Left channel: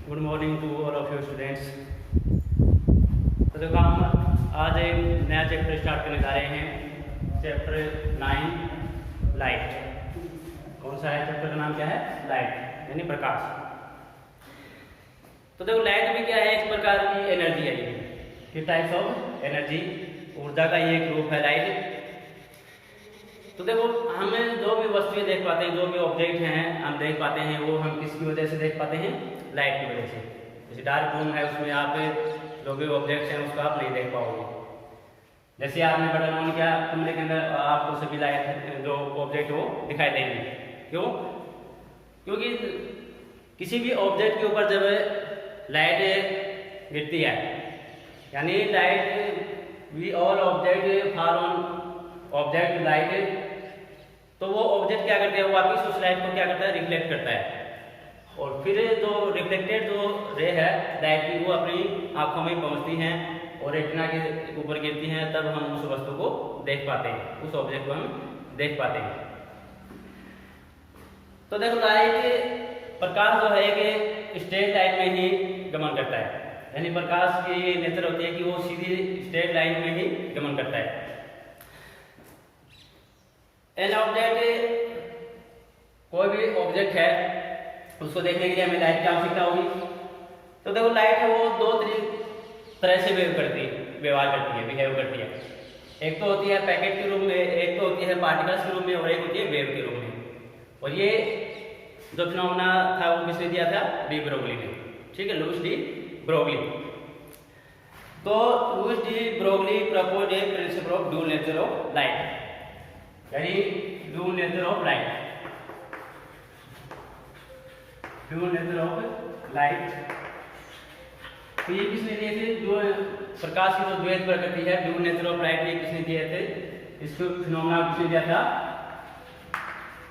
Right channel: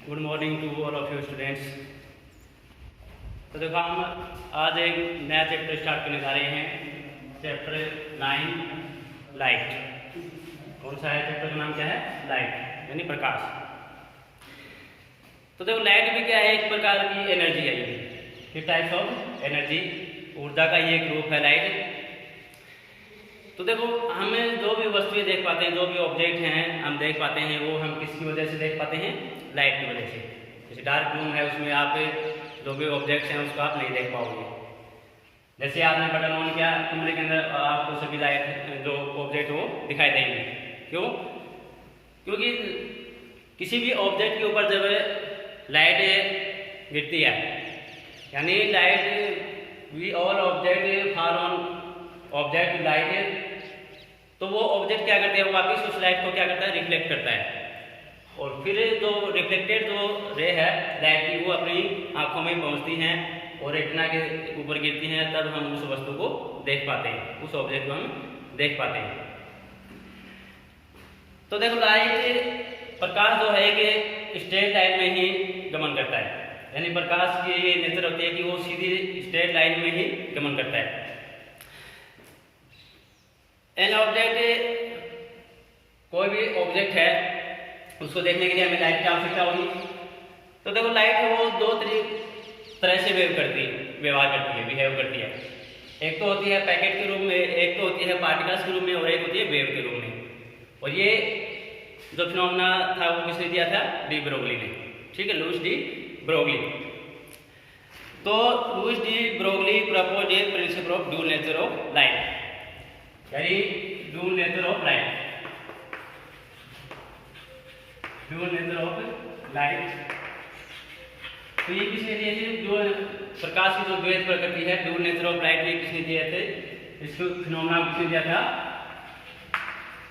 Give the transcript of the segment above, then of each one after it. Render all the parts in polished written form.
Good morning to all of you students. तो देखो हम आज एक नया चैप्टर स्टार्ट करने जा रहे हैं, चैप्टर 9 लाइट। कौन सा है चैप्टर का नाम? क्या है? लाइट यानी प्रकाश। तो देखो लाइट भी क्या है, इस प्रकार की एनर्जी है। ये टाइप्स ऑफ एनर्जी, ऊर्जा का ये ग्रुप है लाइट। तो देखो हमें जो भी वस्तुएं देख पाते हैं, जो भी ऑब्जेक्ट हैं हम देख पाते हैं, वो हम किसकी वजह से देख पाते हैं? लाइट की वजह से। जैसे डार्क रूम है, उसमें आप जो भी ऑब्जेक्ट्स हैं उसको आप नहीं देख पाओगे। जैसे आपने बटन ऑन किया कमरे के अंदर, आपको सभी लाइट जो ऑब्जेक्ट वो दिखाई देंगे। क्यों? क्योंकि किसी भी ऑब्जेक्ट के ऊपर जब लाइट गिरती है, यानी light we all object for on object light, तो वो ऑब्जेक्ट क्या करते हैं, वो वापस उस लाइट को क्या करता है? रिफ्लेक्ट करता है। और फिर जो रिफ्लेक्टेड जो रे है लाइट की, वो अपनी आंखों में पहुंचती हैं और रेटिना के ऊपर गिरती हैं, तब हम उस वस्तु को देख पाते हैं, उस ऑब्जेक्ट को हम देख पाते हैं। तो देखो लाइट, प्रकाश जो है कि स्ट्रेट लाइन में ही गमन करता है, यानी प्रकाश की ये नेचर होती है कि वो सीधी स्ट्रेट लाइन में ही गमन करता है। एन ऑब्जेक्ट, कोई भी ऑब्जेक्ट है उसको देखने के लिए हमें लाइट की आवश्यकता होगी। तो देखो लाइट है वो दो तरह से व्यवहार करती है, बिहेव करती है। एक तो होती है पैकेट के रूप में, एक तो होती है पार्टिकल्स के रूप में, और एक होती है वेव के रूप में। और ये जो फिनोमेना था वो किसने दिया था? डी ब्रोगली ने। ठीक है, लुईस डी ब्रोगली। तो Louis de Broglie propose a principle of dual nature of light, यानी dual nature of light, dual nature of light. तो ये किसने दिए थे? जो प्रकाश की जो द्वैत प्रकृति है, ड्यूल नेचर ऑफ लाइट, ये किसने दिए थे? इसको फिनोमेना किसने दिया था?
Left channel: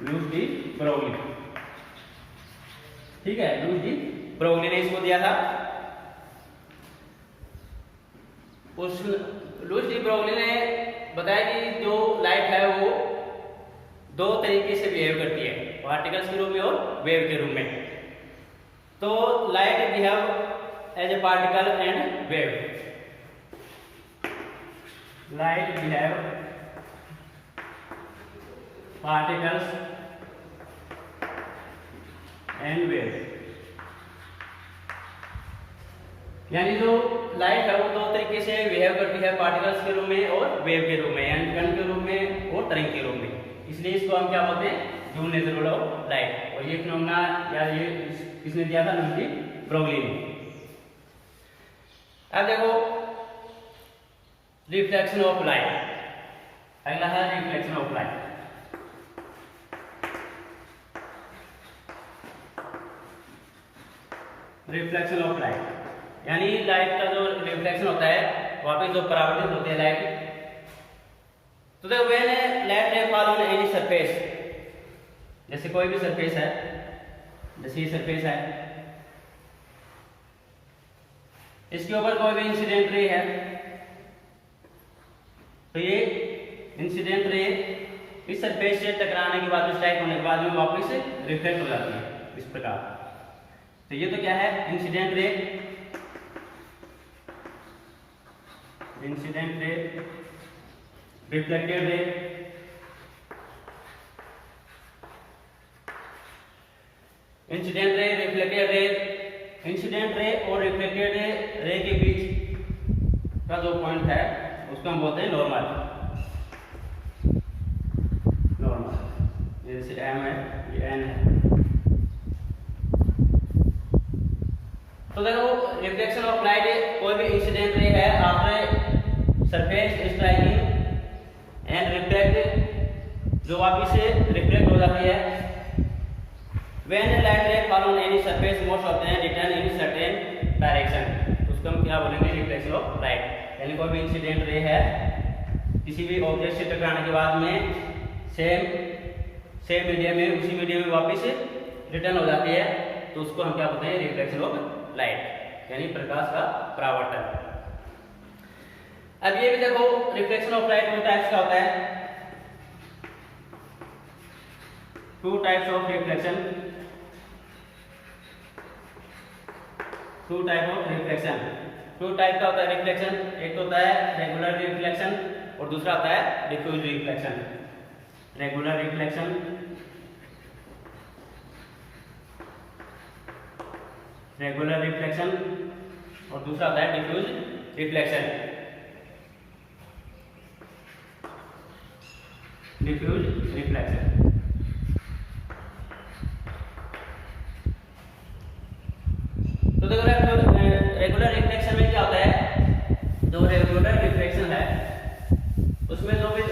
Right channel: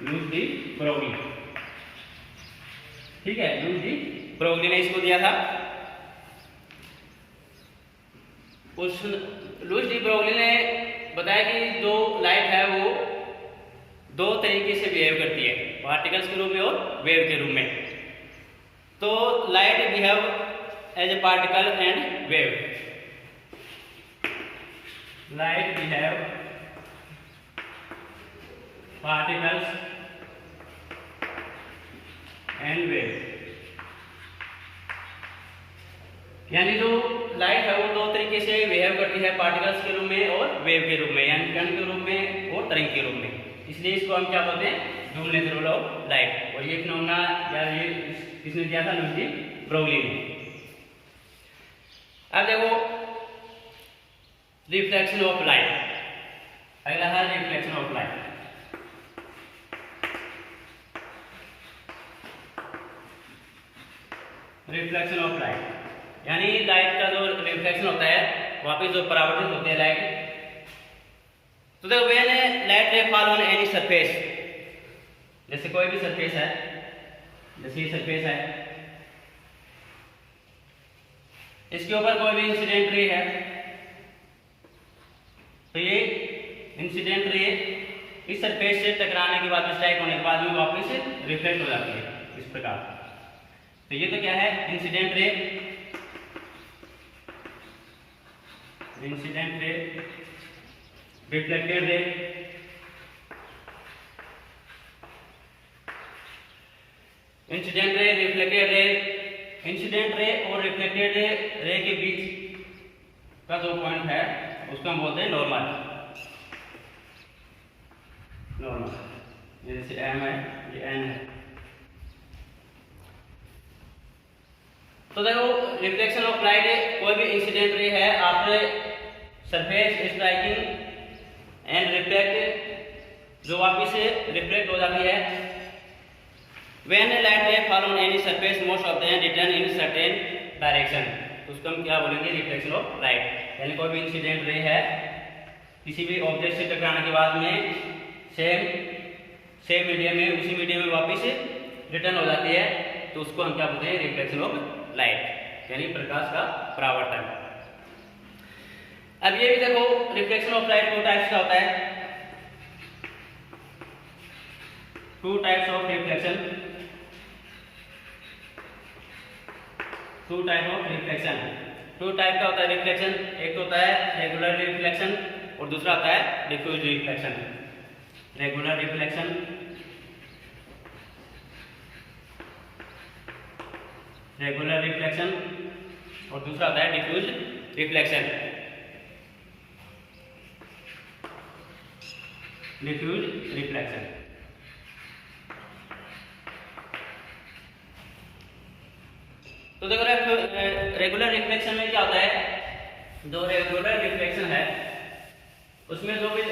Louis de Broglie. ठीक है, लुईस डी ब्रोगली ने इसको दिया था। उस लुईस डी ब्रोगली ने बताया कि जो लाइट है वो दो तरीके से बिहेव करती है, पार्टिकल्स के रूप में और वेव के रूप में। तो light behave as a particle and wave, light behave particles and wave, यानी जो लाइट है वो दो तरीके से बिहेव करती है, पार्टिकल्स के रूप में और वेव के रूप में, यानी कण के रूप में और तरंग के रूप में। इसलिए इसको हम क्या बोलते हैं? Dual nature of light. और ये फिनोमेना या ये किसने दिया था? लुईस डी ब्रोगली ने। अब देखो रिफ्लेक्शन ऑफ लाइट, अगला है reflection of light. Reflection of light यानी लाइट का जो रिफ्लेक्शन होता है, वापस जो परावर्तन होते हैं लाइट। तो देखो when light ray fall on any surface, जैसे कोई भी सरफेस है, जैसे ये सरफेस है, इसके ऊपर कोई भी इंसिडेंट रे है, तो ये इंसिडेंट रे इस सरफेस से टकराने के बाद, स्ट्राइक होने के बाद में वापस रिफ्लेक्ट हो जाती है इस प्रकार। तो ये तो क्या है? Incident ray, incident ray, reflected रे। इंसिडेंट रे, रिफ्लेक्टेड रे, इंसिडेंट रे और रिफ्लेक्टेड रे के बीच का जो पॉइंट है उसको हम बोलते हैं नॉर्मल। नॉर्मल जैसे एम है, ये एन है। तो देखो रिफ्लेक्शन ऑफ लाइट, कोई भी इंसिडेंट रे है after surface striking and reflect, जो वापस से रिफ्लेक्ट हो जाती है। When light ray fall on any surface, most of them return in certain direction, तो उसको हम क्या बोलेंगे? Reflection of light. यानी कोई भी इंसिडेंट रे है, किसी भी ऑब्जेक्ट से टकराने के बाद में सेम मीडियम में, उसी मीडियम में वापस रिटर्न हो जाती है, तो उसको हम क्या बोलते हैं? रिफ्लेक्शन ऑफ लाइट, यानी प्रकाश का परावर्तन। अब ये भी देखो रिफ्लेक्शन ऑफ लाइट दो टाइप्स का होता है, two types of reflection. Two type of reflection, two type का होता है रिफ्लेक्शन, एक होता है रेगुलर रिफ्लेक्शन और दूसरा होता है diffuse reflection. Regular reflection, regular reflection और दूसरा होता है डिफ्यूज रिफ्लेक्शन। डिफ्यूज रिफ्लेक्शन, तो देखो रेगुलर रिफ्लेक्शन में क्या होता है, जो रेगुलर रिफ्लेक्शन है उसमें जो भी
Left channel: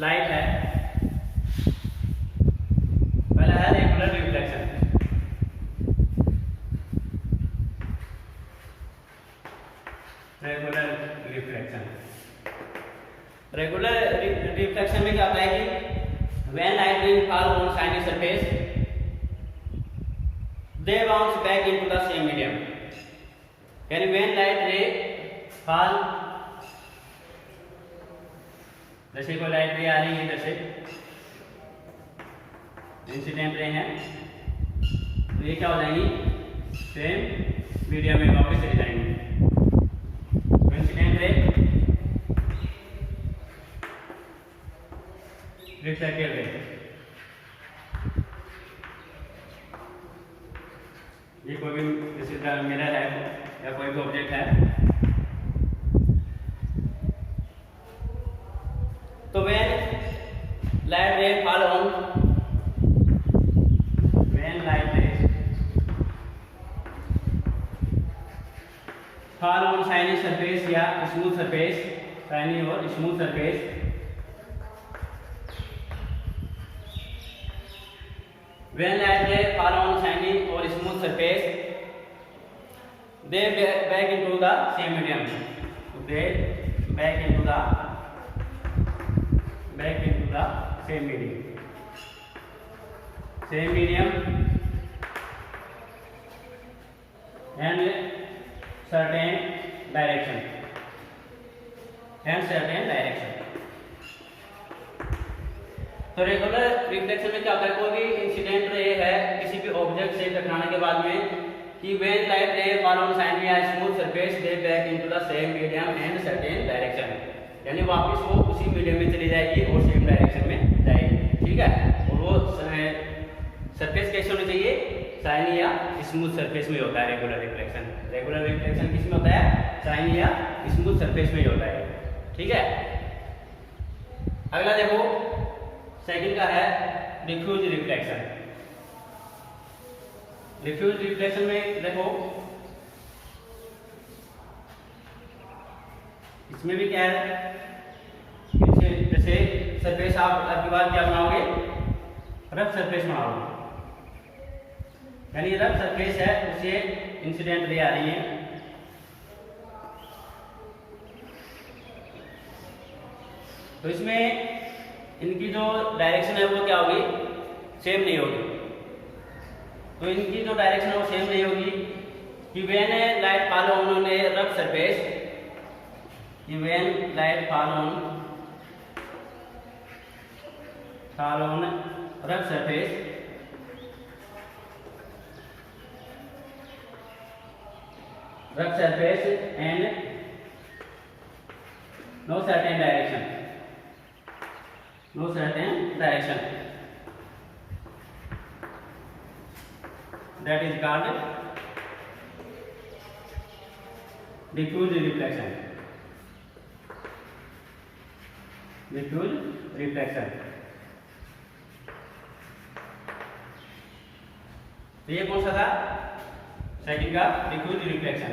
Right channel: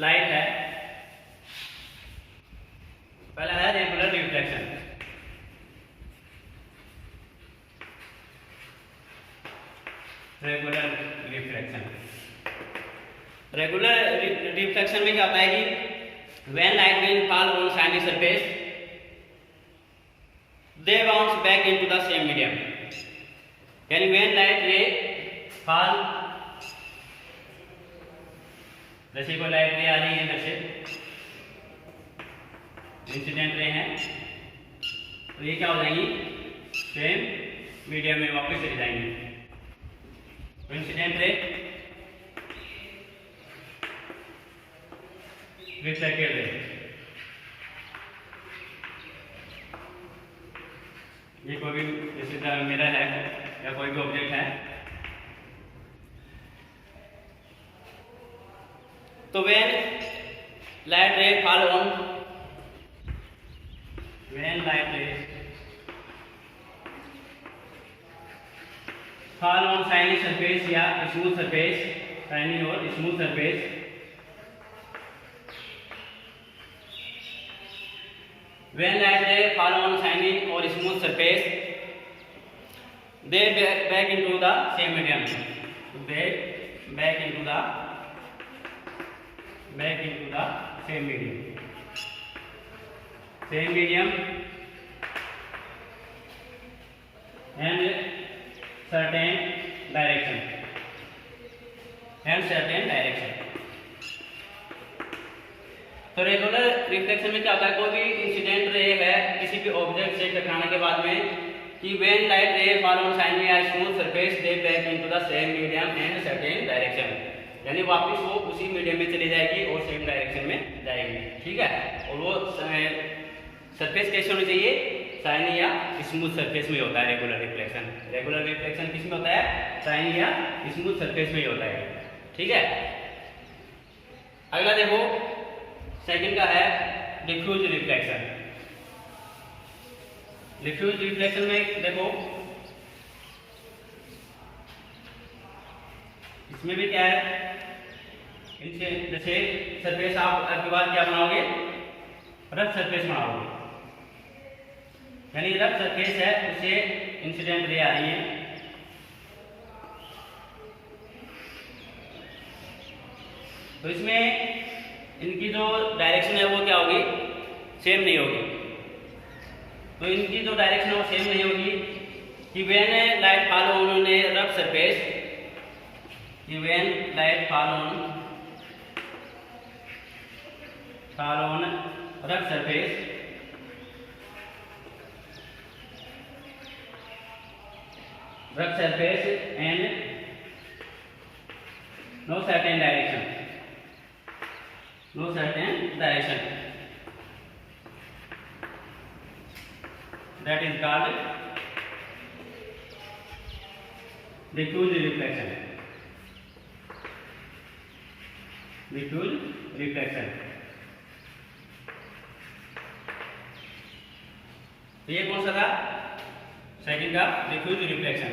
लाइट है, पहला है regular reflection. Regular reflection, regular reflection में क्या होता है कि when light will fall on shiny surface they bounce back into the same medium, यानी व्हेन लाइट रे फॉल, जैसे कोई लाइट रे आ रही है, जैसे इंसिडेंट रे हैं, तो ये क्या हो जाएंगी, सेम मीडियम में वापस चली जाएंगी। तो इंसिडेंट रे, रिफ्लेक्टेड रे, ये कोई भी जैसे मिरर है या कोई भी ऑब्जेक्ट है, तो when light ray fall on, when light ray fall on shiny surface या स्मूथ सरफेस, शाइनी और smooth surface, when light ray fall on shiny or smooth surface they back into the same medium, they back into the same medium, same medium and certain direction, and certain direction। तो regular reflection में क्या होता है, कोई भी incident ray है किसी भी ऑब्जेक्ट से टकराने के बाद में, कि when light ray fall on shiny या smooth surface they back into the same medium and certain direction, यानी वापस वो उसी मीडियम में चली जाएगी और सेम डायरेक्शन में जाएगी। ठीक है, और वो सरफेस कैसे होनी चाहिए, शाइनी या स्मूथ सरफेस में होता है रेगुलर रिफ्लेक्शन। रेगुलर रिफ्लेक्शन किस में होता है, शाइनी या स्मूथ सरफेस में ही होता है। ठीक है, अगला देखो सेकंड का है डिफ्यूज रिफ्लेक्शन। डिफ्यूज रिफ्लेक्शन में देखो इसमें भी क्या है, जैसे सरफेस आप आपके बाद क्या बनाओगे, रफ सरफेस बनाओगे, यानी रफ सरफेस है उससे इंसिडेंट रे आ रही है, तो इसमें इनकी जो डायरेक्शन है वो क्या होगी, सेम नहीं होगी। तो इनकी जो डायरेक्शन है वो सेम नहीं होगी कि when light fall on a rough surface, कि when light fall on rough surface and no certain direction, that is called diffuse reflection, diffuse reflection। तो ये कौन सा था, सेकंड का diffuse reflection.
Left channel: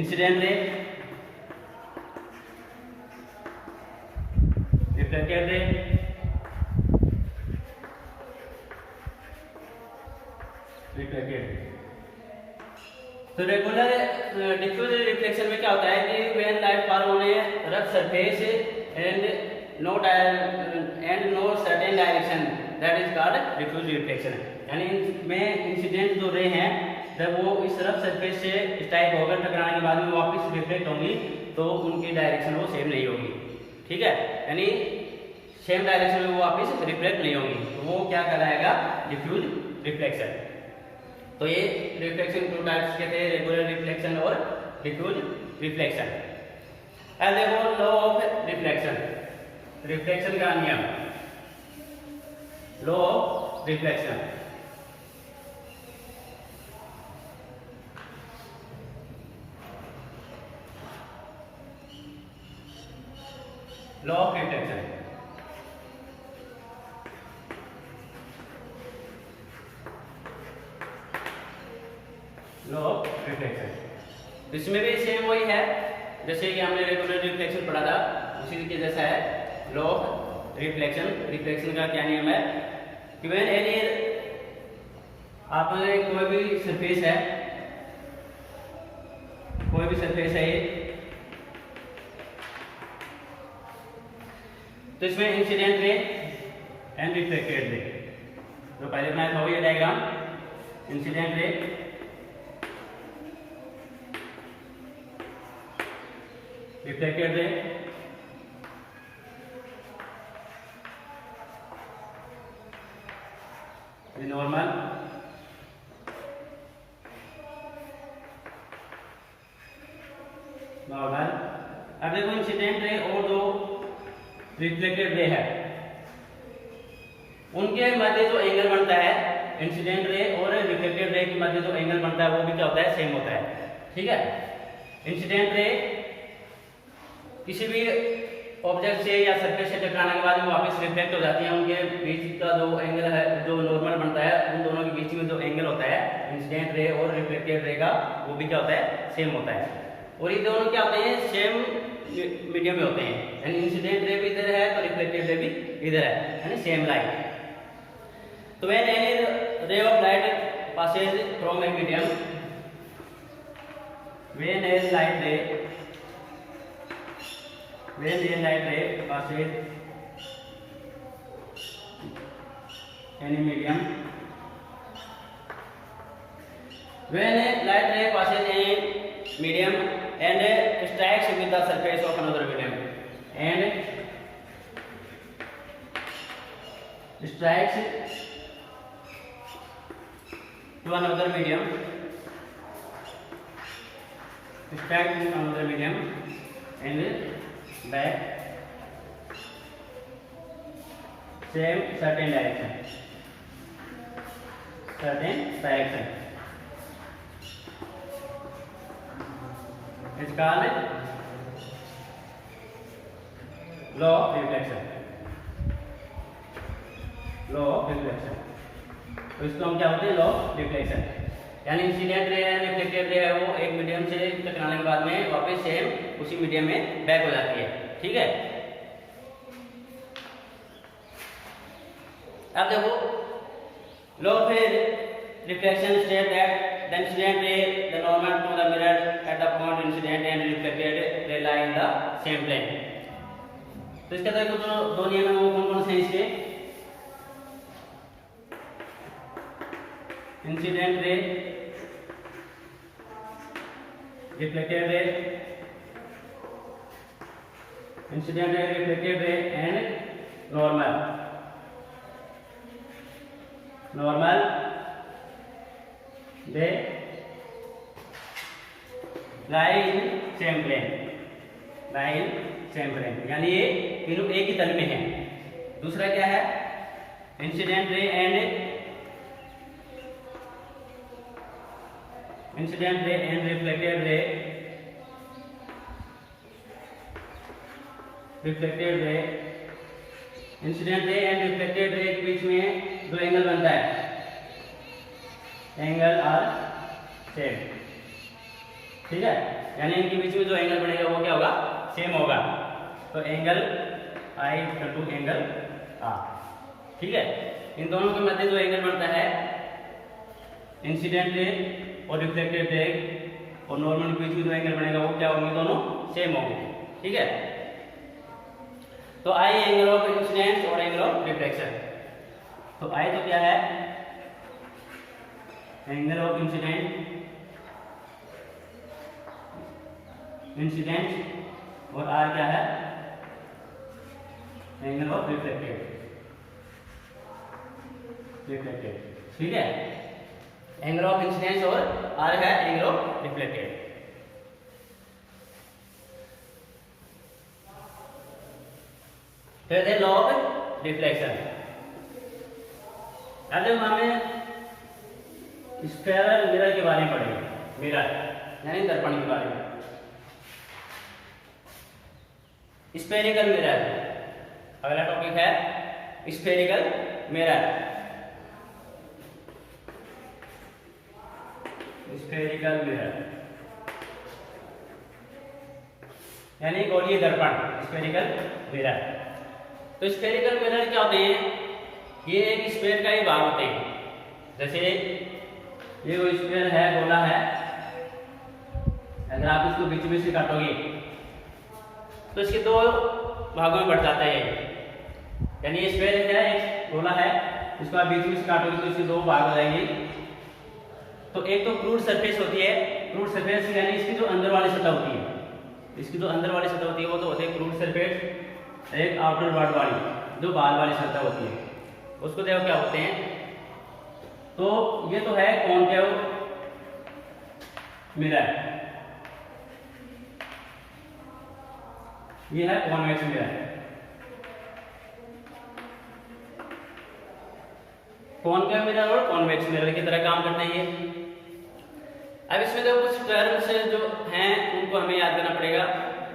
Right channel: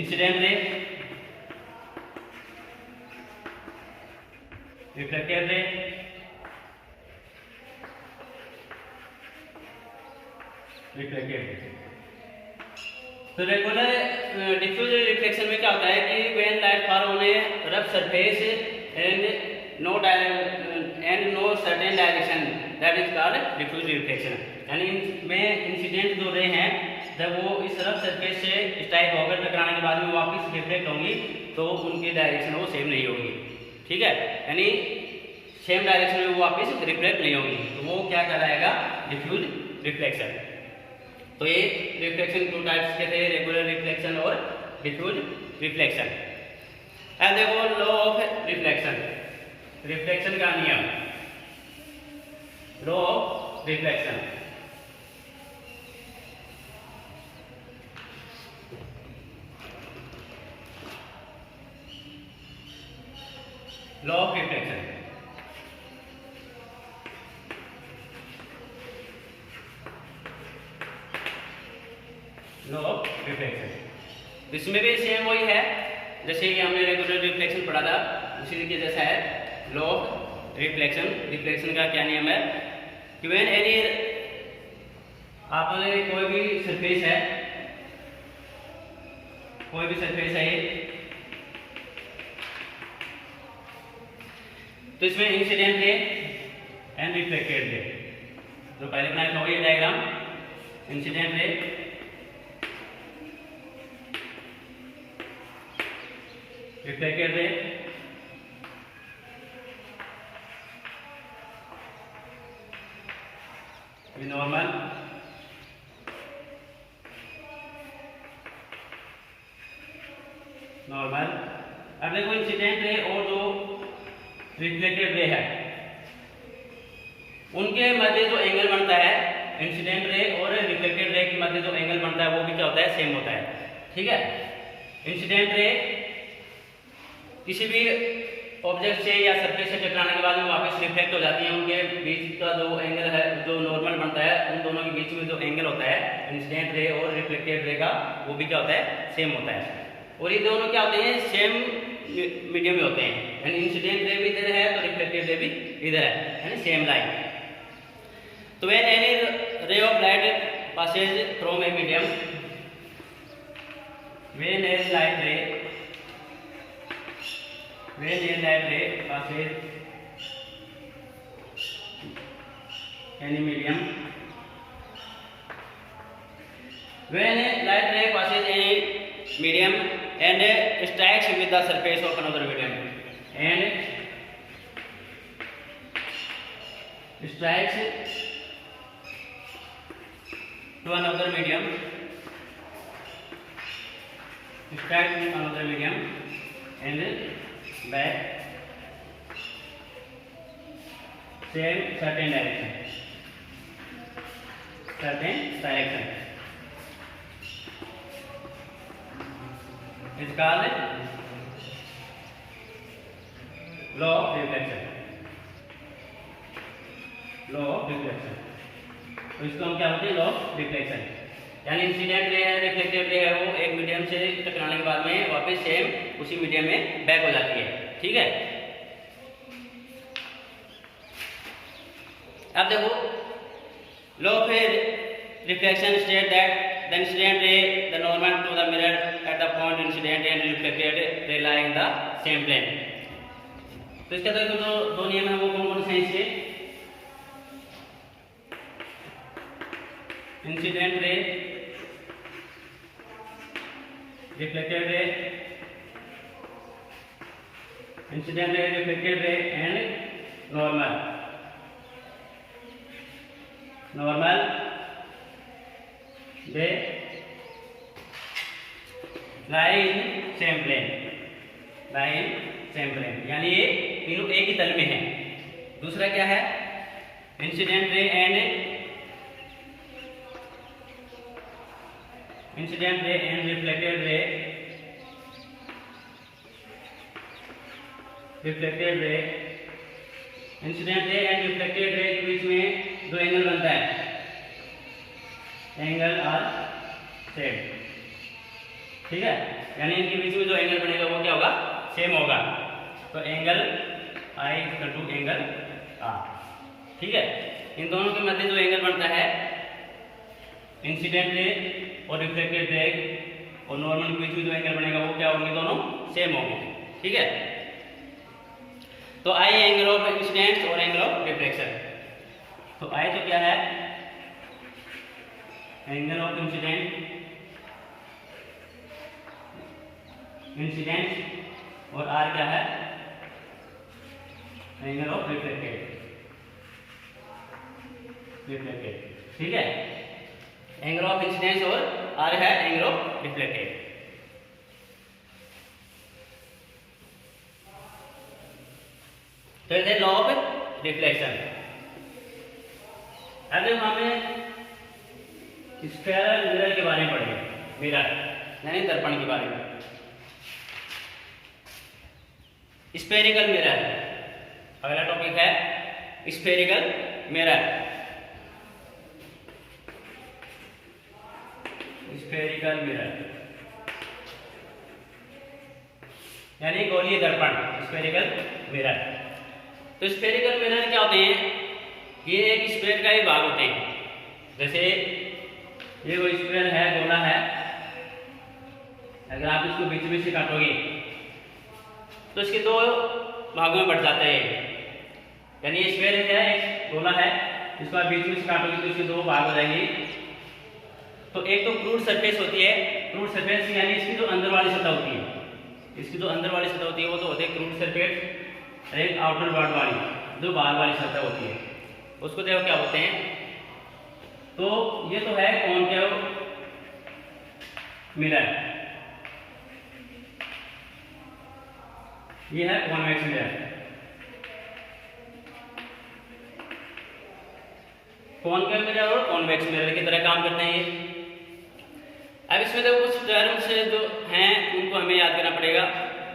Incident ray, reflected ray, तो regular diffuse reflection में क्या होता है कि when light fall on a rough surface and no certain direction, that is called diffuse reflection. यानी में इंसिडेंट जो रे हैं जब वो इस रफ सरफेस से इस टाइप होकर टकराने के बाद में वापस रिफ्लेक्ट होंगी तो उनकी डायरेक्शन वो सेम नहीं होगी। ठीक है, यानी सेम डायरेक्शन में वो वापस रिफ्लेक्ट नहीं होंगी, तो वो क्या कहलाएगा, डिफ्यूज रिफ्लेक्शन। तो ये रिफ्लेक्शन टू टाइप्स के थे, रेगुलर रिफ्लेक्शन और डिफ्यूज रिफ्लेक्शन। अब देखो लॉ ऑफ रिफ्लेक्शन, रिफ्लेक्शन का नियम, law of reflection. Law of reflection, law of reflection. इसमें भी सेम वही है जैसे कि हमने रेगुलर रिफ्लेक्शन पढ़ा था, उसी के जैसा है लॉ ऑफ रिफ्लेक्शन। रिफ्लेक्शन का क्या नियम है कि व्हेन एनी, आपने कोई भी सरफेस है, कोई भी सरफेस है तो इसमें इंसिडेंट रे एंड रिफ्लेक्टेड रे, जो पहले बनाया था ये डायग्राम, इंसिडेंट रे, रिफ्लेक्टेड रे, नॉर्मल, नॉर्मल। अब देखो इंसिडेंट रे और जो रिफ्लेक्टेड रे है उनके मध्य जो एंगल बनता है, इंसिडेंट रे और रिफ्लेक्टेड रे के मध्य जो एंगल बनता है वो भी क्या होता है, सेम होता है। ठीक है, इंसिडेंट रे किसी भी ऑब्जेक्ट से या सरफेस से टकराने के बाद वो वापस रिफ्लेक्ट हो जाती है, उनके बीच का जो एंगल है, जो नॉर्मल बनता है, उन दोनों के बीच में जो एंगल होता है इंसिडेंट रे और रिफ्लेक्टेड रे का, वो भी क्या होता है, सेम होता है। और ये दोनों क्या होते हैं, सेम मीडियम में होते हैं, यानी इंसिडेंट रे भी इधर है तो रिफ्लेक्टेड रे भी इधर है, यानी सेम लाइन। तो when any ray of light passes from a medium, when a light ray passes any medium, when a light ray passes any medium and strikes with the surface of another medium, and strikes to another medium, strikes to another medium and back same certain direction, it's called law of reflection, law of reflection। तो इसको हम क्या बोलते हैं, law of reflection. यानी incident ray है, reflected ray है, वो एक मीडियम से टकराने के बाद में वापस सेम उसी मीडियम में बैक हो जाती है। ठीक है, अब देखो law of reflection state that the incident ray the normal to the mirror at the point incident and reflected ray lie in the same plane. तो इसके अंदर जो दो नियम है वो कौन कौन से हैं इसके, इंसिडेंट रे, रिफ्लेक्टेड रे, incident ray, reflected ray and normal, normal they lie in same plane, lie in same plane, यानी ये तीनों एक ही तल में हैं। दूसरा क्या है, incident ray and incident ray and reflected रे, रिफ्लेक्टेड रे, इंसिडेंट रे एंड रिफ्लेक्टेड रे के बीच में जो एंगल बनता है, एंगल आर सेम। ठीक है, यानी इनके बीच में जो एंगल बनेगा वो क्या होगा, सेम होगा। तो angle I equal to angle R. ठीक है, इन दोनों के मध्य जो एंगल बनता है, इंसिडेंट रे और रिफ्लेक्टेड रे और नॉर्मल के बीच में जो एंगल बनेगा वो क्या होंगे, दोनों सेम होंगे। ठीक है, तो आई एंगल ऑफ इंसिडेंट और एंगल ऑफ रिफ्लेक्शन। तो आई तो क्या है, एंगल ऑफ इंसिडेंट, इंसिडेंट, और आर क्या है, एंगल ऑफ रिफ्लेक्टेड, ठीक है। एंगल ऑफ इंसिडेंस और आर है एंगल ऑफ रिफ्लेक्टेड। तो ये थे लॉ ऑफ रिफ्लेक्शन। अब जब हमें स्फेरल मिरर के बारे में पढ़ेंगे, मिरर यानी दर्पण के बारे में। स्फेरिकल मिरर, अगला टॉपिक है स्फेरिकल मिरर। स्फेरिकल मिरर यानी गोलीय दर्पण, स्फेरिकल मिरर। तो स्फेरिकल मिरर क्या होते हैं? ये एक स्फेयर का ही भाग होते हैं। जैसे ये वो स्फेयर है, गोला है, अगर आप इसको बीच में से काटोगे तो इसके दो भागों में बढ़ जाते हैं। यानी ये स्फेयर है, एक गोला है, इसको आप बीच में से काटोगे तो इसके दो भाग हो जाएंगे। तो एक तो क्रूड सरफेस होती है, क्रूड सरफेस यानी इसकी जो अंदर वाली सतह होती है, इसकी जो अंदर वाली सतह होती है वो तो होती है क्रूड सरफेस। एक आउटर वर्ड वाली जो बाहर वाली सतह होती है उसको देखो क्या होते हैं। तो ये तो है कॉनकेव मिरर, ये है कॉन्वेक्स मिरर। कॉनकेव मिरर और कॉन्वेक्स मिरर की तरह काम करना है ये। अब इसमें देखो कुछ टर्म्स जो हैं उनको हमें याद करना पड़ेगा,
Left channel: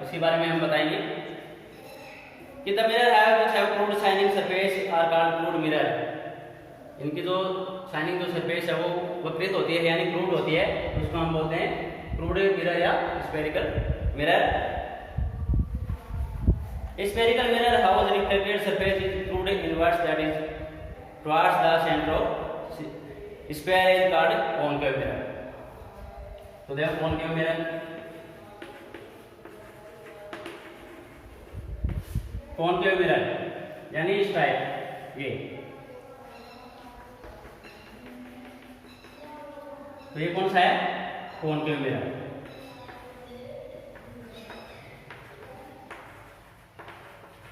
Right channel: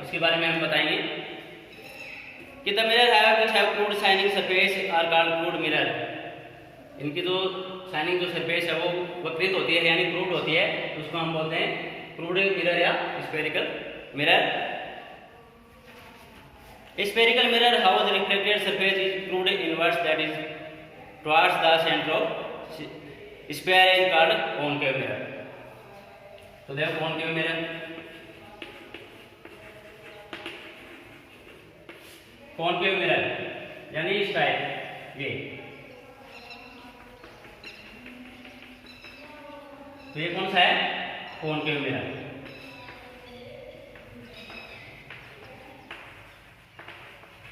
उसके बारे में हम बताएंगे कि the mirror have which have crude shining surface are called crude mirror. इनकी जो शाइनिंग जो सरफेस है वो वक्रित होती है यानी क्रूड होती है, उसको हम बोलते हैं क्रूड मिरर या spherical mirror. Spherical mirror how the reflected surface is crude inverse that is towards the centre of sphere is called concave mirror. तो देखो कॉनकेव मिरर, कॉनकेव मिरर यानी इस टाइप ये। तो ये कौन सा है? Concave mirror.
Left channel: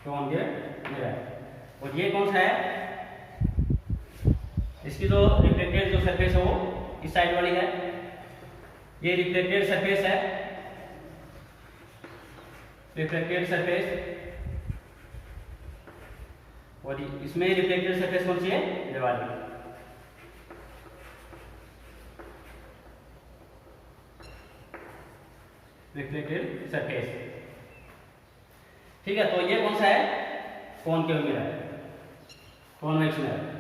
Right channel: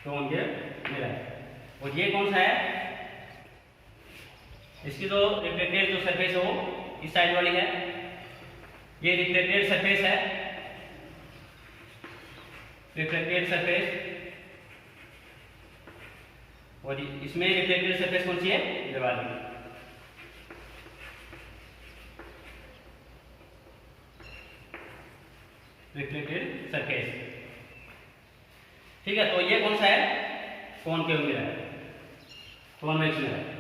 Concave mirror. और ये कौन सा है? इसकी जो रिफ्लेक्टेड जो सरफेस है वो इस साइड वाली है, ये रिफ्लेक्टेड सरफेस है, रिफ्लेक्टेड सरफेस। और इसमें रिफ्लेक्टेड सरफेस कौन सी है? ये वाली। रिफ्लेक्टेड सरफेस, ठीक है। तो ये कौन सा है? Concave mirror, convex mirror,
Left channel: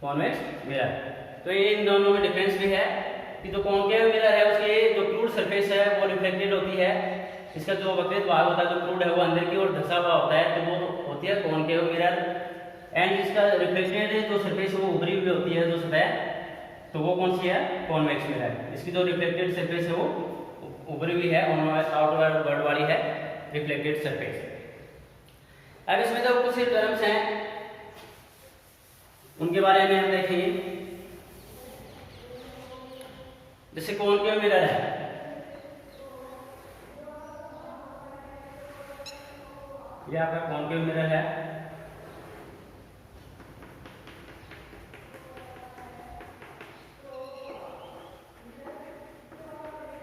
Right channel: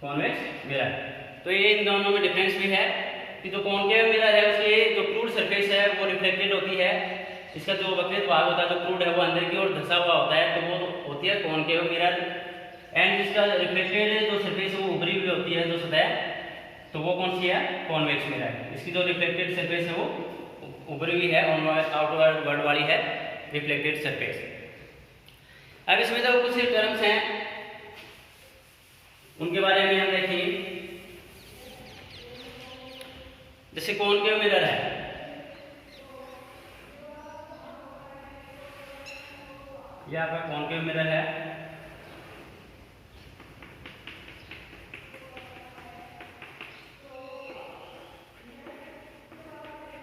convex mirror. तो ये इन दोनों में डिफरेंस भी है कि जो कॉनकेव मिरर है उसकी जो क्रूड सरफेस है वो रिफ्लेक्टेड होती है, इसका जो वक्रित भाग होता है जो क्रूड है वो अंदर की ओर धंसा हुआ होता है, तो वो होती है कॉनकेव मिरर। एंड जिसका रिफ्लेक्टेड जो सरफेस है वो उभरी हुई होती है जो सतह, तो वो कौन सी है? Convex mirror. इसकी जो रिफ्लेक्टेड सरफेस है वो उभरी हुई है, आउटवर्ड वर्ड वाली है रिफ्लेक्टेड सरफेस। अब इसमें जो कुछ टर्म्स हैं उनके बारे में हम देखेंगे। जैसे कॉनकेव मिरर है, ये आपका कॉनकेव मिरर है।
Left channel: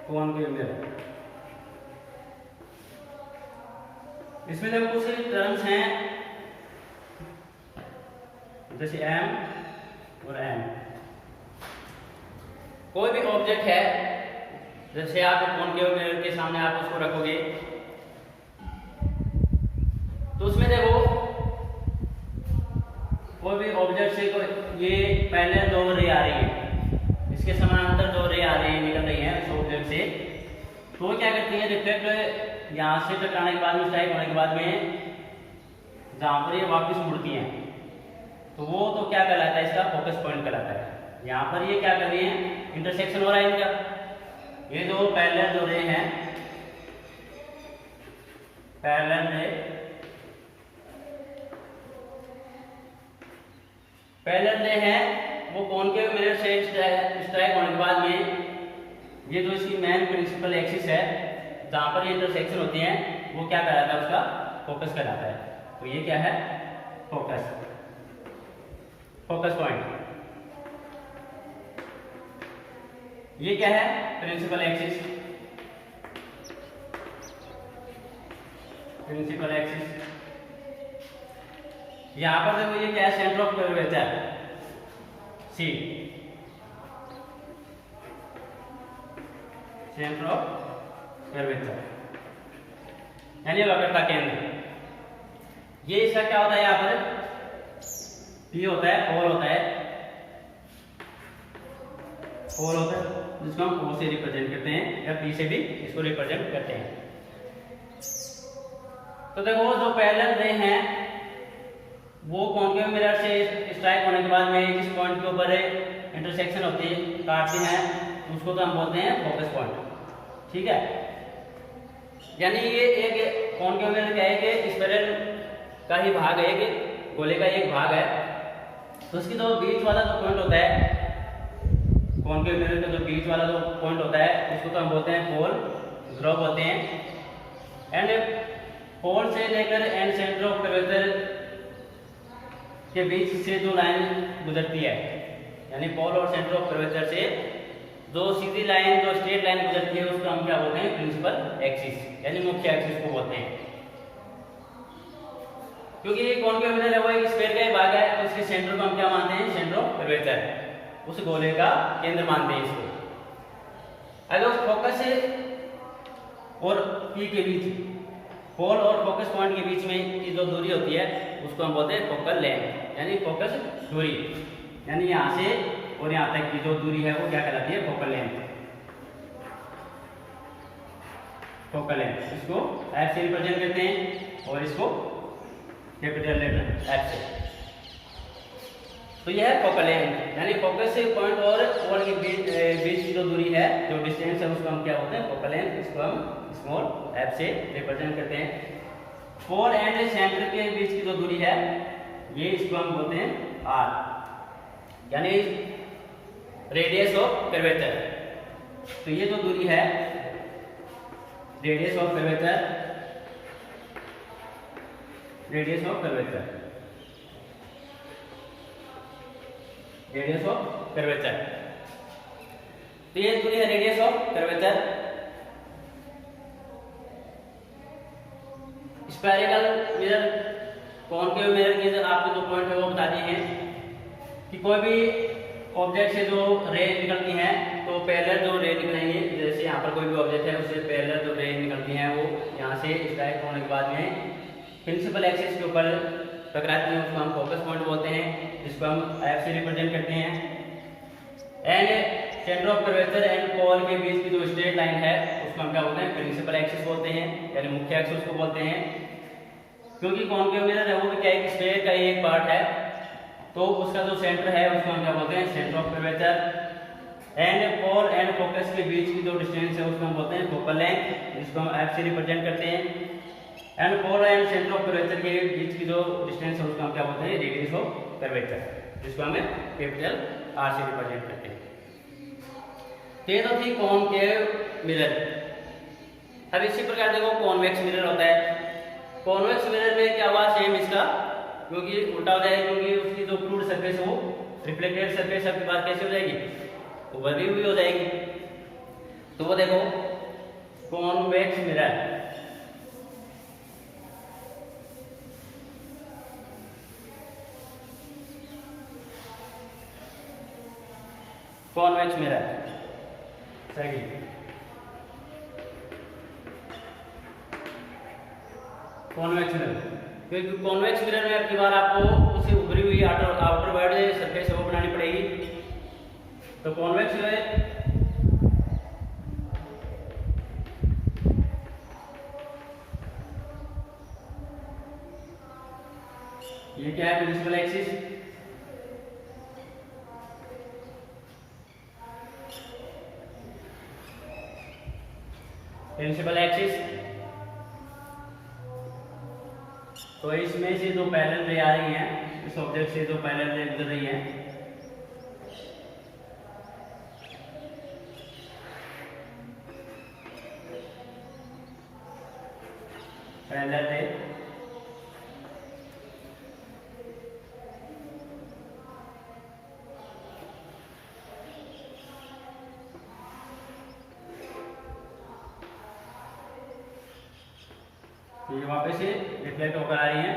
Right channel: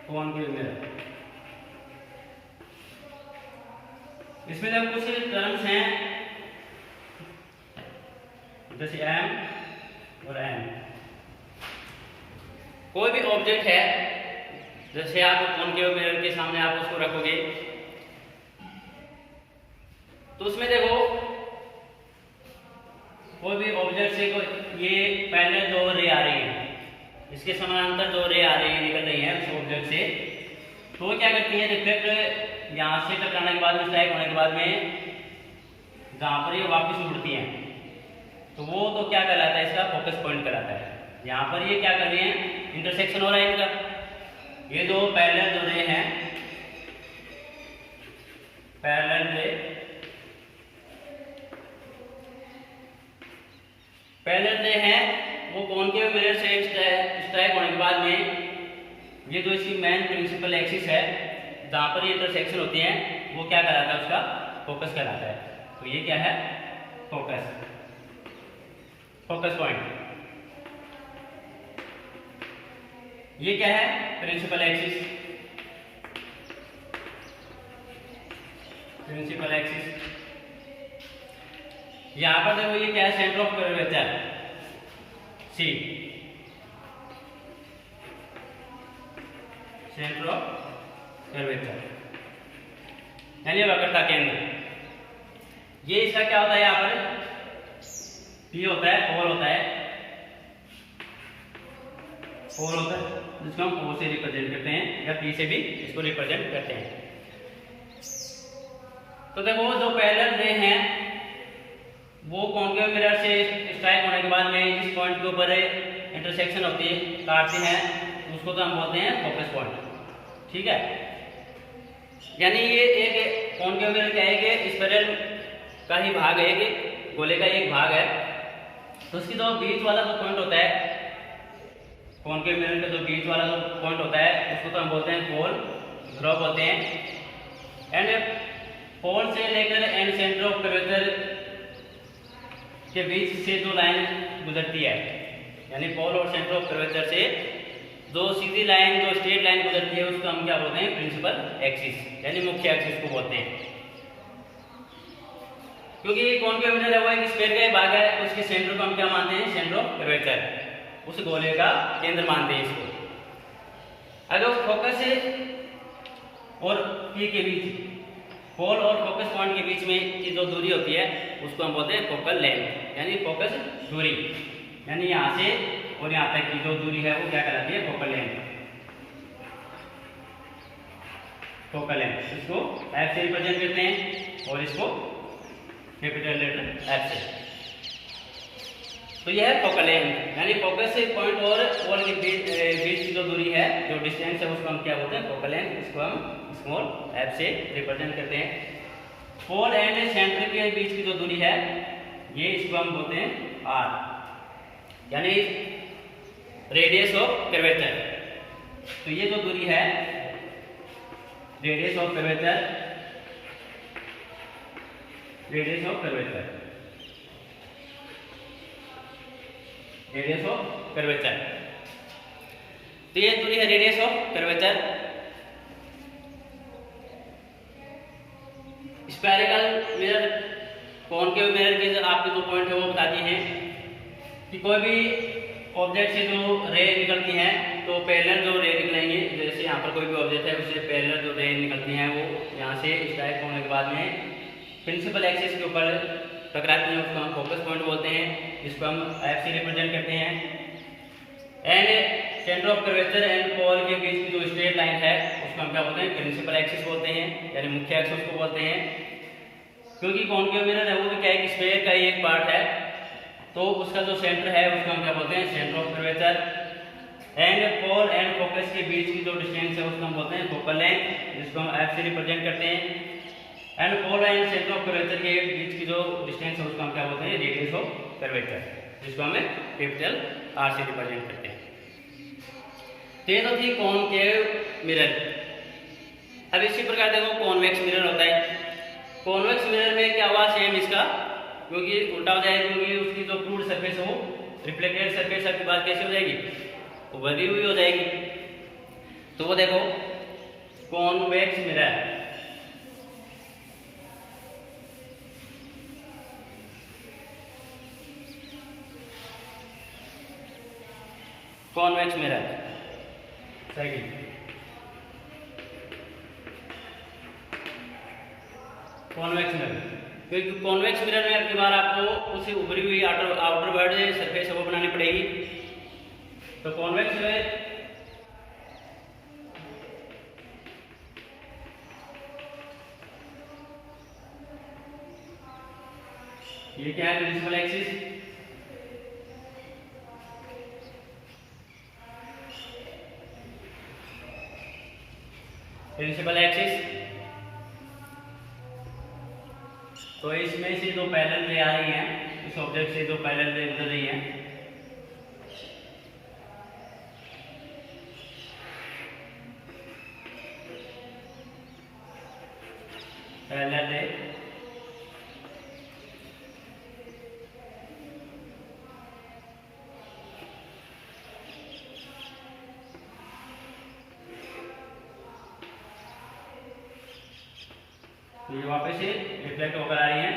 कॉनकेव मिरर, इसमें जब कुछ टर्म्स हैं जैसे एम और एन। कोई भी ऑब्जेक्ट है, जैसे आप कॉनकेव मिरर के सामने आप उसको रखोगे तो उसमें देखो कोई भी ऑब्जेक्ट से कोई ये पहले दो रे आ रही है, इसके समानांतर दो रे आ रही है, निकल रही है उस ऑब्जेक्ट से, तो वो क्या करती है? रिफ्लेक्ट यहाँ से टकराने के बाद में, स्ट्राइक होने के बाद में जहाँ पर ये वापस मुड़ती हैं तो वो तो क्या कहलाता है? इसका फोकस पॉइंट कहलाता है। यहाँ पर ये क्या कर रही है? इंटरसेक्शन हो रहा है इनका। ये जो पैरेलल जो रे हैं, पैरेलल रे, पैरेलल रे हैं वो कॉनकेव मिरर से स्ट्राइक होने के बाद में ये जो इसकी मेन प्रिंसिपल एक्सिस है जहाँ पर ये इंटरसेक्शन होती हैं वो क्या कहलाता है, उसका फोकस कहलाता है। तो ये क्या है, फोकस, फोकस पॉइंट। ये क्या है, प्रिंसिपल एक्सिस, प्रिंसिपल एक्सिस। यहां पर देखो ये क्या है, centre of curvature C, centre of curvature यानी वक्रता केंद्र। ये इसका क्या होता है, यहाँ पर पी होता है, पोल होता है, पोल होता है जिसको हम ओ से रिप्रेजेंट करते हैं या पी से भी इसको रिप्रेजेंट करते हैं। तो देखो जो पैरेलल रे हैं वो कॉन्केव मिरर से स्ट्राइक होने के बाद में जिस पॉइंट के ऊपर इंटरसेक्शन होती है, काटते हैं, उसको तो हम बोलते हैं फोकस पॉइंट। ठीक है, यानी ये एक कॉन्केव मिरर क्या है कि स्पाइरल का ही भाग है, कि गोले का एक भाग है। तो उसकी जो बीच वाला जो पॉइंट होता है, कॉन्केव मिरर का जो बीच वाला जो पॉइंट होता है, उसको तो हम बोलते हैं पोल, ध्रुव बोलते हैं। एंड पोल से लेकर एंड सेंटर ऑफ कर्वेचर के बीच से जो लाइन गुजरती है, यानी पोल और सेंटर ऑफ कर्वेचर से जो सीधी लाइन, जो स्ट्रेट लाइन गुजरती है, उसको हम क्या बोलते हैं, प्रिंसिपल एक्सिस यानी मुख्य एक्सिस को बोलते हैं। क्योंकि कॉन्केव मिरर है वो एक स्फीयर का भाग है, उसके सेंटर को हम क्या मानते हैं, सेंटर ऑफ कर्वेचर, उस गोले का केंद्र मानते हैं इसको। अगर फोकस और पी के बीच, पोल और फोकस पॉइंट के बीच में की जो दूरी होती है उसको हम बोलते हैं फोकल लेंथ, यानी फोकस दूरी, यानी यहाँ से और यहाँ तक की जो दूरी है वो क्या कहलाती है, फोकल लेंथ, फोकल लेंथ। इसको एफ से रिप्रेजेंट करते हैं और इसको कैपिटल लेटर एफ से। तो यह है फोकल लेंथ, यानी फोकस से पॉइंट और पोल के बीच की जो दूरी है, जो डिस्टेंस है, उसको हम क्या बोलते हैं, फोकल लेंथ। इसको हम स्मॉल एफ से रिप्रेजेंट करते हैं। पोल एंड सेंटर के बीच की जो दूरी है, ये इसको हम बोलते हैं आर, यानी रेडियस ऑफ कर्वेचर। तो ये जो दूरी है, radius of curvature, radius of curvature, radius of curvature. तो ये दूरी है radius of curvature. Spherical mirror, concave mirror के आपके जो पॉइंट है वो बता दिए हैं कि कोई भी ऑब्जेक्ट से जो रे निकलती हैं, तो पैरेलल जो रे निकलेंगे, जैसे यहाँ पर कोई भी ऑब्जेक्ट है उससे पैरेलल जो रे निकलती हैं वो यहाँ से स्ट्राइक होने के बाद में प्रिंसिपल एक्सिस के ऊपर टकराती हैं, उसको हम फोकस पॉइंट बोलते हैं, जिसको हम एफ से रिप्रेजेंट करते हैं। And centre of curvature and pole के बीच की जो स्ट्रेट लाइन है उसको हम क्या बोलते हैं, प्रिंसिपल एक्सिस बोलते हैं, यानी मुख्य एक्सिस को बोलते हैं। क्योंकि कॉन्केव मिरर है वो क्या है, स्फीयर का एक पार्ट है, तो उसका जो सेंटर है उसको हम क्या बोलते हैं, centre of curvature. And pole and focus के बीच की जो डिस्टेंस है उसको हम बोलते हैं फोकल लेंथ, जिसको हम एफ से रिप्रेजेंट करते हैं। And pole and centre of curvature के बीच की जो डिस्टेंस है उसको हम क्या बोलते हैं, रेडियस ऑफ कर्वेचर, जिसको हमें कैपिटल आर से रिप्रेजेंट करते हैं। तो ये तो थी कॉन्केव मिरर। अब इसी प्रकार देखो कॉन्वेक्स मिरर होता है। कॉन्वेक्स मिरर में क्या हुआ, सेम इसका, क्योंकि उल्टा हो जाएगा, क्योंकि उसकी जो फ्लूइड सरफेस है वो रिफ्लेक्टेड सरफेस के बाद कैसे हो जाएगी, उभरी हुई हो जाएगी। तो वो देखो कॉन्वेक्स मिरर, कॉन्वेक्स मिरर सही। कॉन्वेक्स मिरर, क्योंकि कॉन्वेक्स मिरर में अगली बार आपको उसे उभरी हुई आउटर वर्ड सरफेस वो बनानी पड़ेगी। तो कॉन्वेक्स मिरर ये क्या है, प्रिंसिपल एक्सिस, प्रिंसिपल एक्सिस। तो इसमें से जो पैरेलल रे आ रही हैं, इस ऑब्जेक्ट से जो पैरेलल रे गुजर रही हैं, पैरेलल रे, ये वापस से रिफ्लेक्ट होकर आ रही है।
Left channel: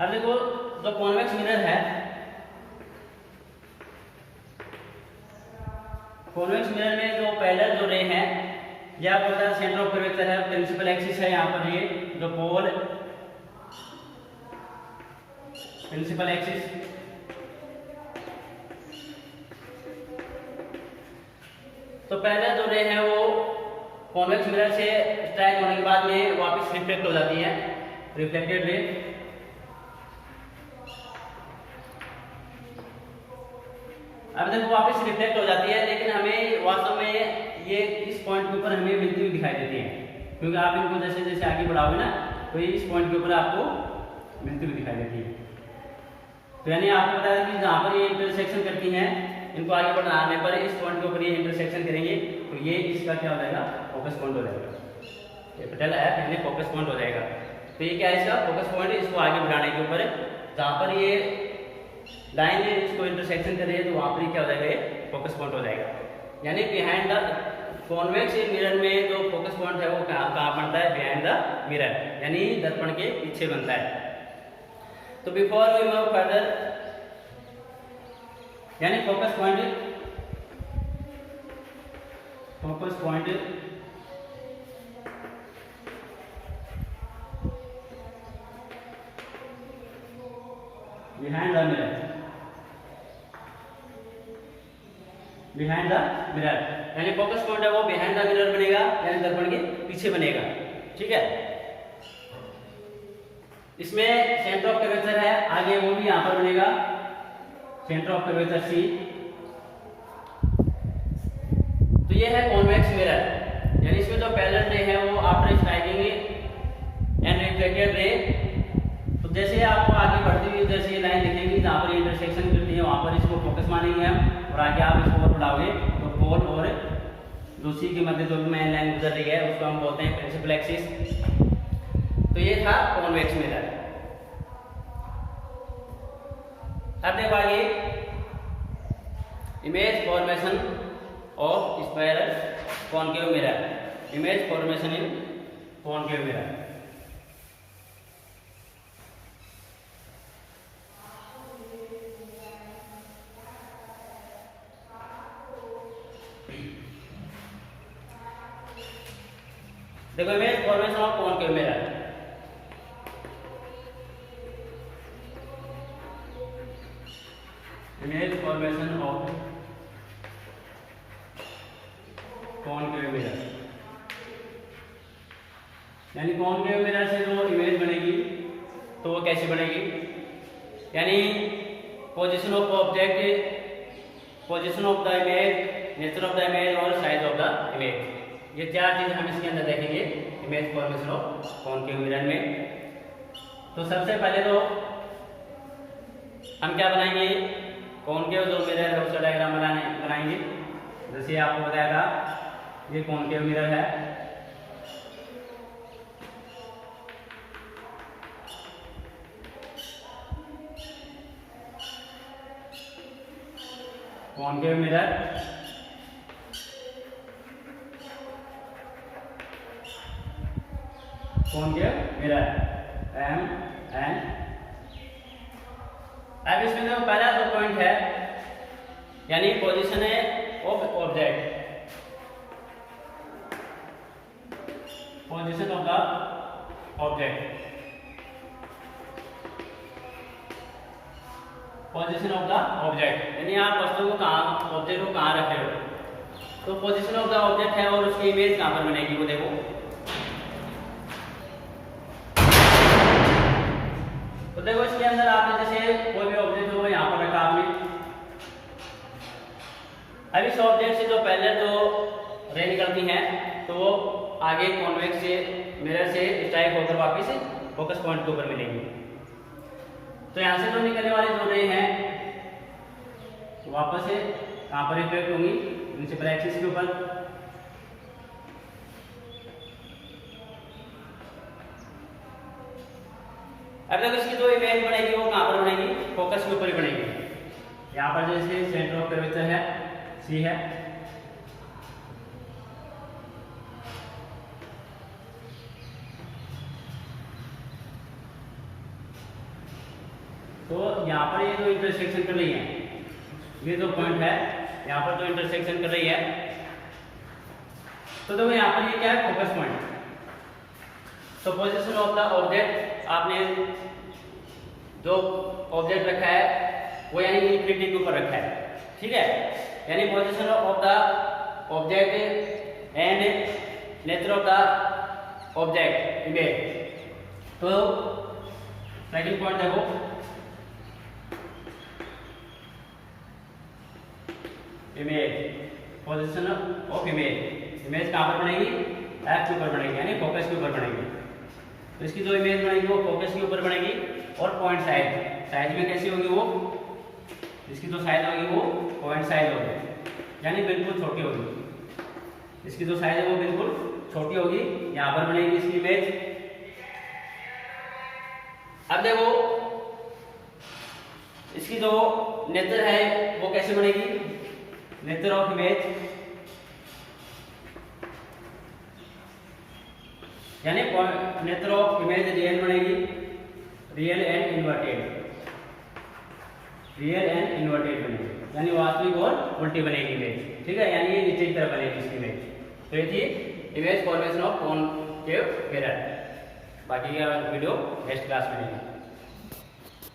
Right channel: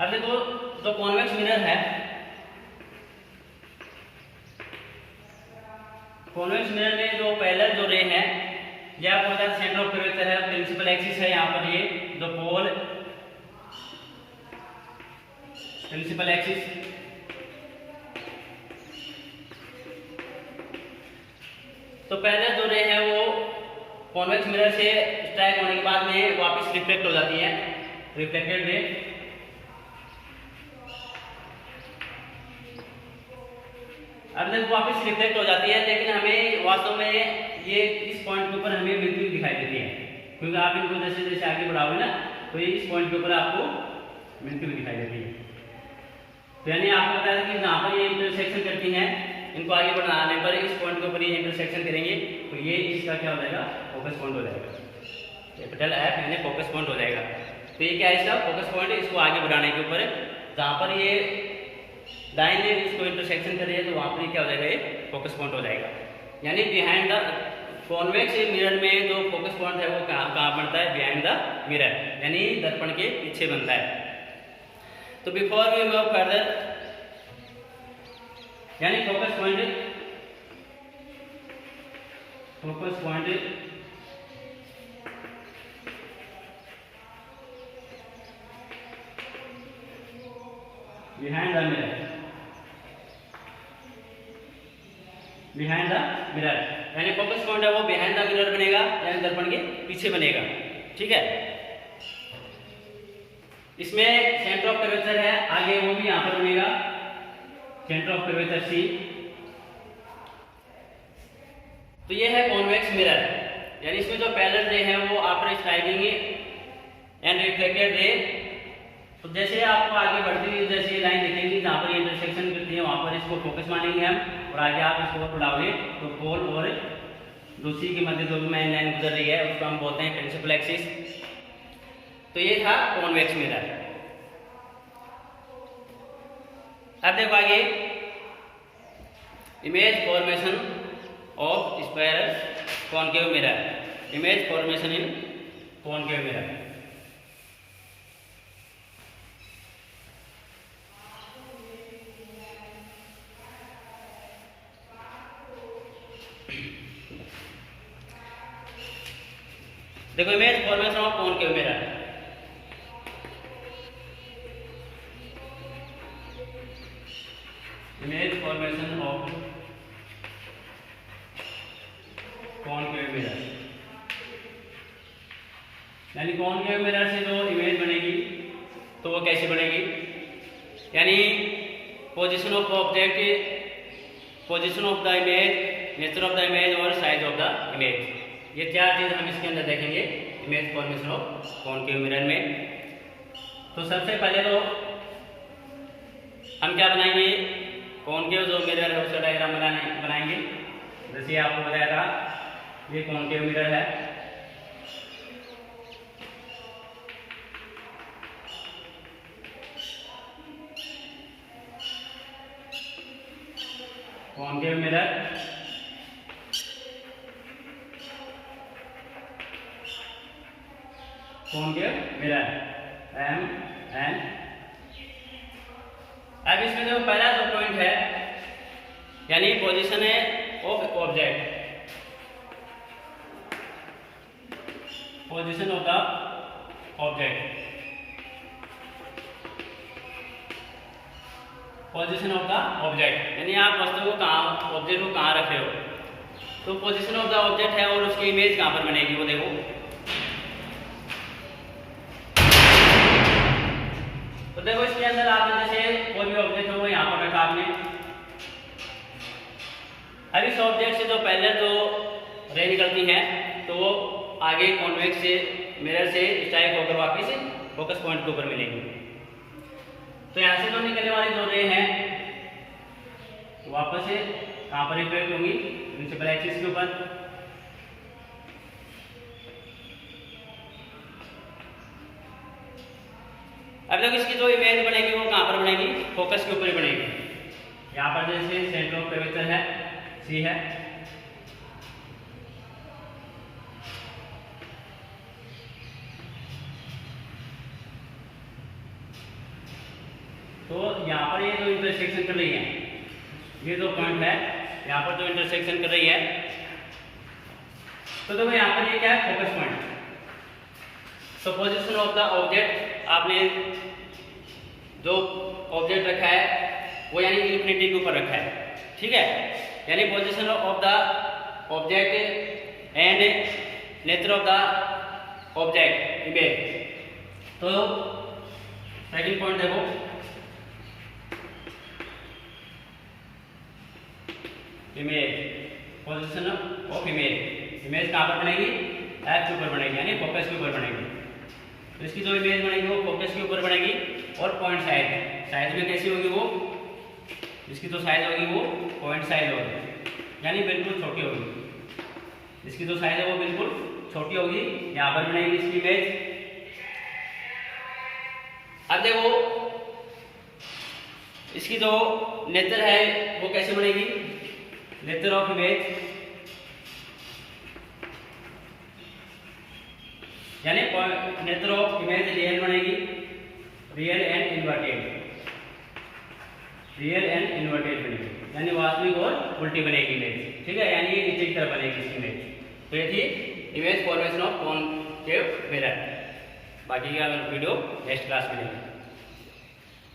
अब देखो जो कॉन्वेक्स मिरर है, कॉन्वेक्स मिरर में जो पैरेलल जो रे है, यह आपको पता है सेंटर ऑफ कर्वेचर है, प्रिंसिपल एक्सिस है यहाँ पर, ये जो पोल प्रिंसिपल एक्सिस, तो पहले जो रे है वो कॉन्वेक्स मिरर से स्ट्राइक होने के बाद में वापस रिफ्लेक्ट हो जाती है, रिफ्लेक्टेड रे। अब देखो वापस रिफ्लेक्ट हो जाती है, लेकिन हमें वास्तव में ये इस पॉइंट के ऊपर हमें मिलती हुई दिखाई देती है, क्योंकि आप इनको जैसे जैसे आगे बढ़ाओगे ना तो ये इस पॉइंट के ऊपर आपको मिलती हुई दिखाई देती है। तो यानी आपको पता है कि जहाँ पर ये इंटरसेक्शन करती हैं, इनको आगे बढ़ाने पर इस पॉइंट के ऊपर ये इंटरसेक्शन करेंगे, तो ये इसका क्या हो जाएगा, फोकस पॉइंट हो जाएगा, कैपिटल एफ यानी फोकस पॉइंट हो जाएगा। तो ये क्या है इसका फोकस पॉइंट, इसको आगे बढ़ाने के ऊपर जहाँ पर ये लाइन है इसको इंटरसेक्शन कर रही है, तो वहां पर क्या हो जाएगा, ये फोकस पॉइंट हो जाएगा। यानी बिहाइंड द कॉन्वेक्स मिरर में जो फोकस पॉइंट है वो कहाँ बनता है, बिहाइंड द मिरर, यानी दर्पण के पीछे बनता है। तो बिफोर वी मूव फर्दर, यानी focus point behind the mirror, behind the mirror, यानी फोकस पॉइंट है वो बिहाइंड द मिरर बनेगा, यानी दर्पण के पीछे बनेगा। ठीक है, इसमें सेंटर ऑफ कर्वेचर है, आगे वो भी यहां पर बनेगा, सेंटर ऑफ कर्वेचर सी। तो ये है कॉन्वेक्स मिरर, यानी इसमें जो पैरेलल रे है वो after striking and reflected ray, तो जैसे आपको आगे बढ़ती हुई जैसे लाइन दिखेगी जहाँ पर इंटरसेक्शन करती है वहां पर इसको फोकस मानेंगे हम, और आगे आप इसको बढ़ाओगे तो पोल और जो सी के मध्य जो मेन लाइन गुजर रही है उसको हम बोलते हैं प्रिंसिपल एक्सिस। तो ये था कॉन्वेक्स मिरर। अब देखो आगे image formation of square concave mirror, image formation in concave mirror. देखो image formation of concave mirror, image formation of concave mirror, यानी कॉनकेव मिरर से जो इमेज बनेगी तो वो कैसे बनेगी, यानी position of object, position of the image, nature of the image और साइज ऑफ द इमेज, ये चार चीज हम इसके अंदर देखेंगे image formation of concave mirror में। तो सबसे पहले तो हम क्या बनाएंगे, कॉनकेव जो मिरर है उसका डायग्राम बनाएंगे। जैसे आपको बताया था ये कॉनकेव मिरर है, concave mirror, concave mirror M N. अब इसमें जो पहला जो पॉइंट है यानी पोजीशन है of object, position of the object, position of the object, यानी आप वस्तु को कहाँ, ऑब्जेक्ट को कहाँ रख रहे हो। तो पोजीशन ऑफ द ऑब्जेक्ट है और उसकी इमेज कहाँ पर बनेगी वो देखो। तो देखो इसके अंदर आपने जैसे कोई भी ऑब्जेक्ट होगा यहाँ पर रखा आपने, अब इस ऑब्जेक्ट से जो पहले जो रे निकलती हैं तो वो आगे कॉन्वेक्स से मिरर से स्ट्राइक होकर वापस फोकस पॉइंट के ऊपर मिलेंगी। तो यहाँ से जो निकलने वाली जो रे हैं वापस से कहाँ पर रिफ्लेक्ट होंगी, प्रिंसिपल एक्सिस के ऊपर। अब देखो इसकी जो इमेज बनेगी वो कहाँ पर बनेगी, फोकस के ऊपर ही बनेगी। यहाँ पर जैसे सेंटर ऑफ कर्वेचर है सी है, तो यहाँ पर ये जो इंटरसेक्शन कर रही है, ये जो पॉइंट है यहाँ पर जो इंटरसेक्शन कर रही है, तो देखो यहाँ पर ये क्या है, फोकस पॉइंट। तो पोजीशन ऑफ द ऑब्जेक्ट, आपने जो ऑब्जेक्ट रखा है वो यानी इंफिनिटी के ऊपर रखा है, ठीक है, यानी position of the object and nature of the object image. तो सेकंड पॉइंट देखो, image, position of image, image कहाँ पर बनेगी, एक्स के ऊपर बनेगी यानी फोकस के ऊपर बनेगी। तो इसकी जो इमेज बनेगी वो फोकस के ऊपर बनेगी। और पॉइंट साइज, साइज में कैसी होगी वो, इसकी जो साइज होगी वो पॉइंट साइज होगी यानी बिल्कुल छोटी होगी। इसकी जो साइज है वो बिल्कुल छोटी होगी, यहाँ पर बनेगी इसकी इमेज। अब देखो इसकी जो नेचर है वो कैसे बनेगी, नेचर ऑफ इमेज यानी नेचर ऑफ इमेज रियल बनेगी, real and inverted, real and inverted बनेगी यानी वास्तविक और उल्टी बनेगी इमेज, ठीक है, यानी ये नीचे की तरफ बनेगी इसकी इमेज। तो ये थी image formation of concave mirror. बाकी का वीडियो नेक्स्ट क्लास में मिलेगा।